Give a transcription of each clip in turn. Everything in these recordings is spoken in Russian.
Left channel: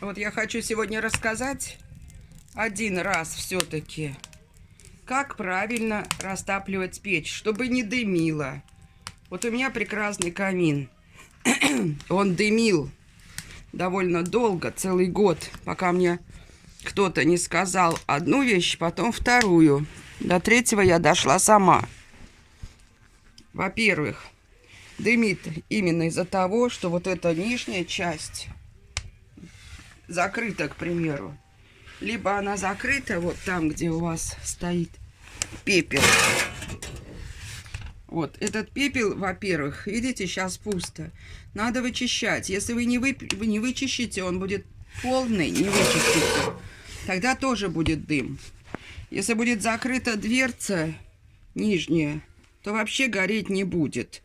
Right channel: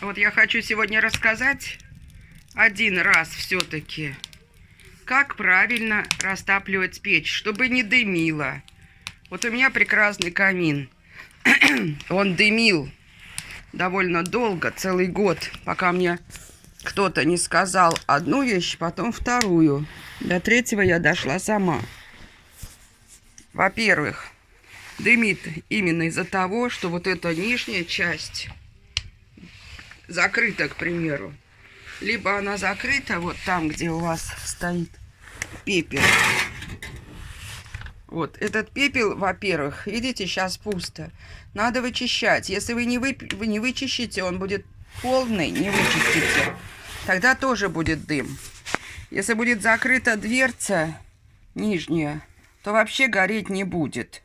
Вот я хочу сегодня рассказать один раз все-таки, как правильно растапливать печь, чтобы не дымило. Вот у меня прекрасный камин. Он дымил довольно долго, целый год, пока мне кто-то не сказал одну вещь, потом вторую. До третьего я дошла сама. Во-первых, дымит именно из-за того, что вот эта нижняя часть закрыта, к примеру. Либо она закрыта вот там, где у вас стоит пепел. Вот этот пепел, во-первых, видите, сейчас пусто. Надо вычищать. Если вы не вычищите, он будет полный, не вычистите. Тогда тоже будет дым. Если будет закрыта дверца нижняя, то вообще гореть не будет.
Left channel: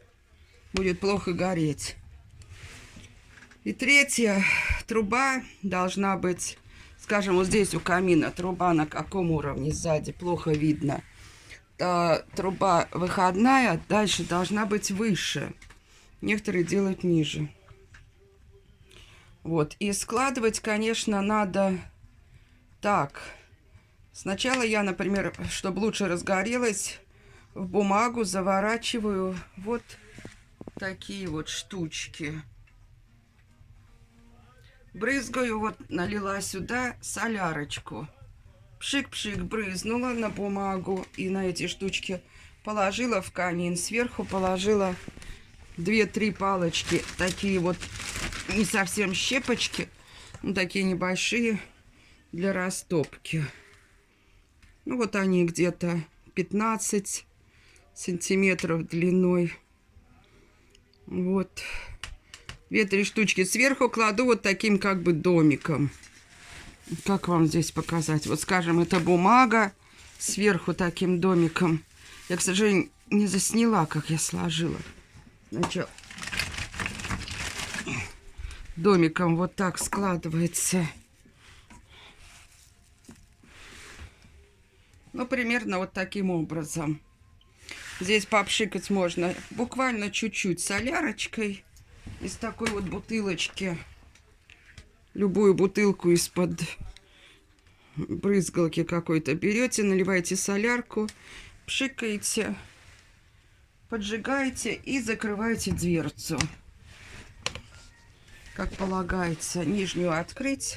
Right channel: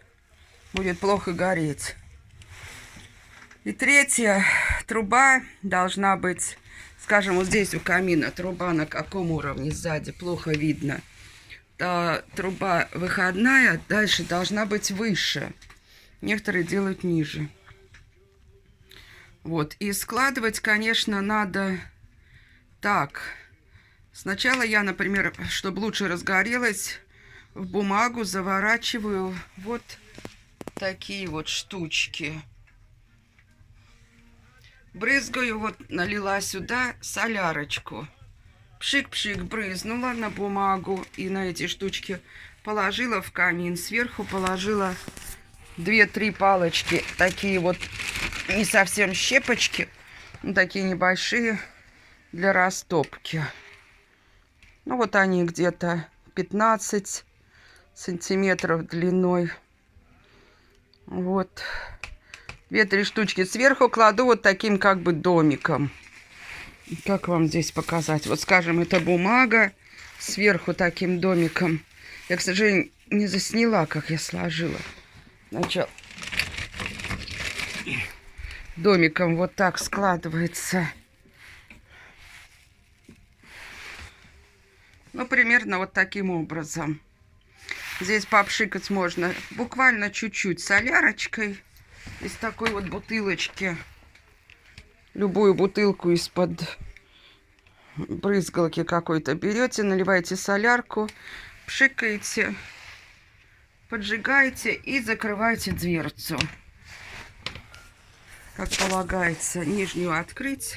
Будет плохо гореть. И третье, труба должна быть, скажем, вот здесь у камина труба на каком уровне сзади, плохо видно. Труба выходная дальше должна быть выше. Некоторые делают ниже. Вот. И складывать, конечно, надо так. Сначала я, например, чтобы лучше разгорелось, в бумагу заворачиваю вот такие вот штучки. Брызгаю, вот налила сюда солярочку. Пшик-пшик брызнула на бумагу и на эти штучки положила в камин. Сверху положила 2-3 палочки, такие вот не совсем щепочки, но такие небольшие для растопки. Ну вот они где-то 15 сантиметров длиной. Вот. 2-3 штучки. Сверху кладу вот таким как бы домиком. Как вам здесь показать? Вот, скажем, это бумага сверху таким домиком. Я, к сожалению, не засняла, как я сложила. Сначала домиком вот так складывается. Ну, примерно вот таким образом. Здесь попшикать можно буквально чуть-чуть солярочкой из такой вот бутылочки. Любую бутылку из-под брызгалки какой-то берете, наливаете солярку, пшикаете, поджигаете и закрываете дверцу. Как полагается, нижнюю открыть,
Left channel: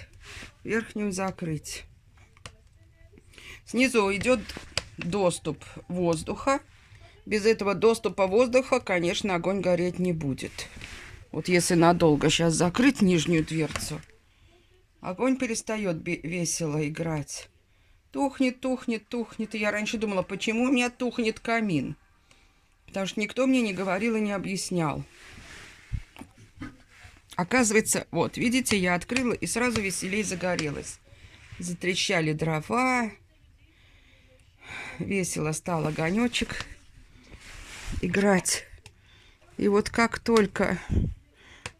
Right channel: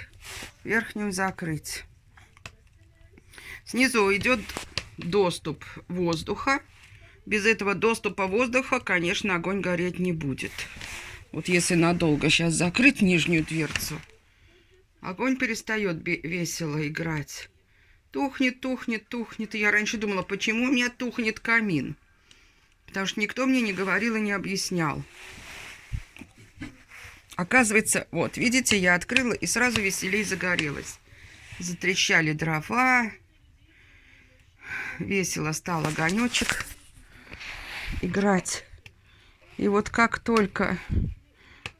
верхнюю закрыть. Снизу идет доступ воздуха. Без этого доступа воздуха, конечно, огонь гореть не будет. Вот если надолго сейчас закрыть нижнюю дверцу, огонь перестает весело играть. Тухнет, тухнет, тухнет. И я раньше думала, почему у меня тухнет камин. Потому что никто мне не говорил и не объяснял. Оказывается, вот, видите, я открыла и сразу веселей загорелась. Затрещали дрова. Весело стал огонечек играть. И вот как только...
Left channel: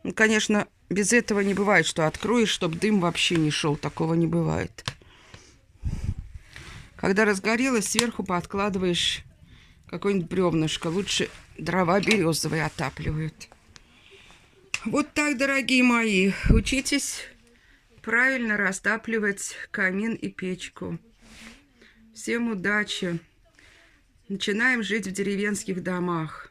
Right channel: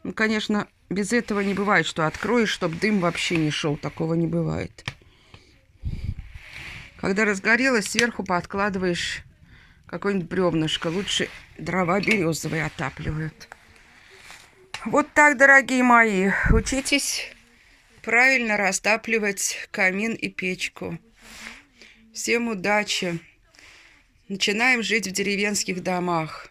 Ну, конечно, без этого не бывает, что откроешь, чтобы дым вообще не шел. Такого не бывает. Когда разгорелось, сверху подкладываешь какое-нибудь бревнышко. Лучше дрова березовые отапливают. Вот так, дорогие мои. Учитесь правильно растапливать камин и печку. Всем удачи. Начинаем жить в деревенских домах.